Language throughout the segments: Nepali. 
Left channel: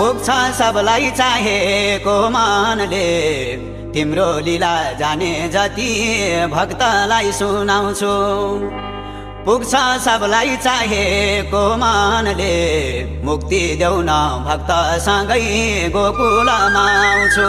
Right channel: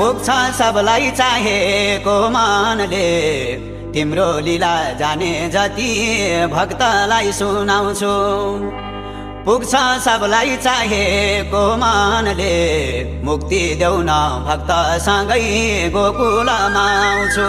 पुग्छ सबलाई चाहेको मनले तिम्रो लीला जाने जति भक्तलाई सुनाउँछु पुग्छ सबलाई चाहेको मनले मुक्ति देऊ न भक्तसँगै गोकुलमा आउँछु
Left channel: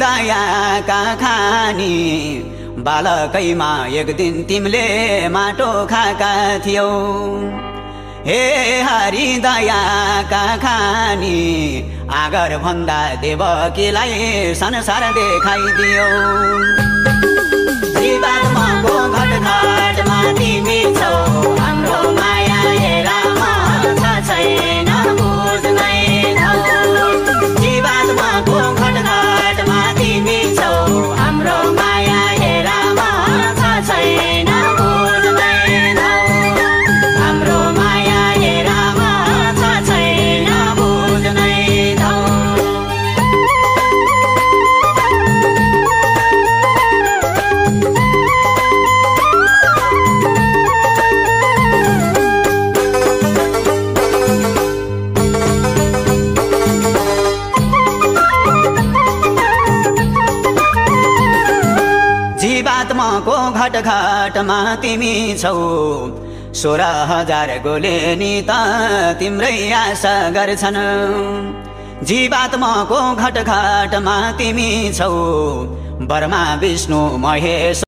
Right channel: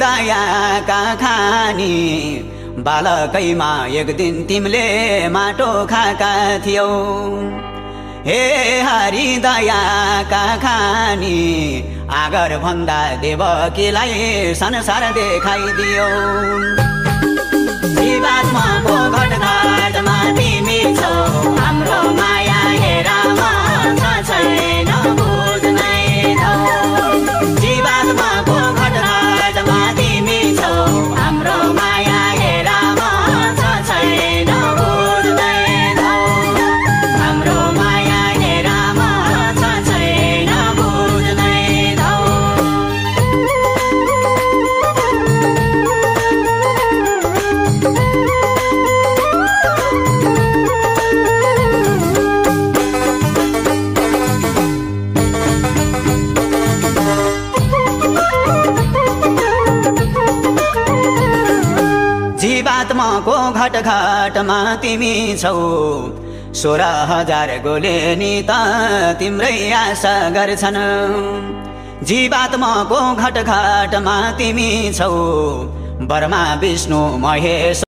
दयाका खानी बालकैमा एक दिन तिमीले माटो खाका थियौ हे हरि दयाका खानी आगर भन्दा देवकीलाई संसार देखाइदियौ जीवात्माको घटघटमा तिमी छौ हाम्रो माया हेरा छैन बुझ्नै नौ जीवात्माको जीवात्माको घटघटमा तिमी छौ 16,000 गोले नि त तिम्रै आशा गर्छन् जीवात्माको घटघटमा तिमी छौ ब्रह्मा विष्णु महेश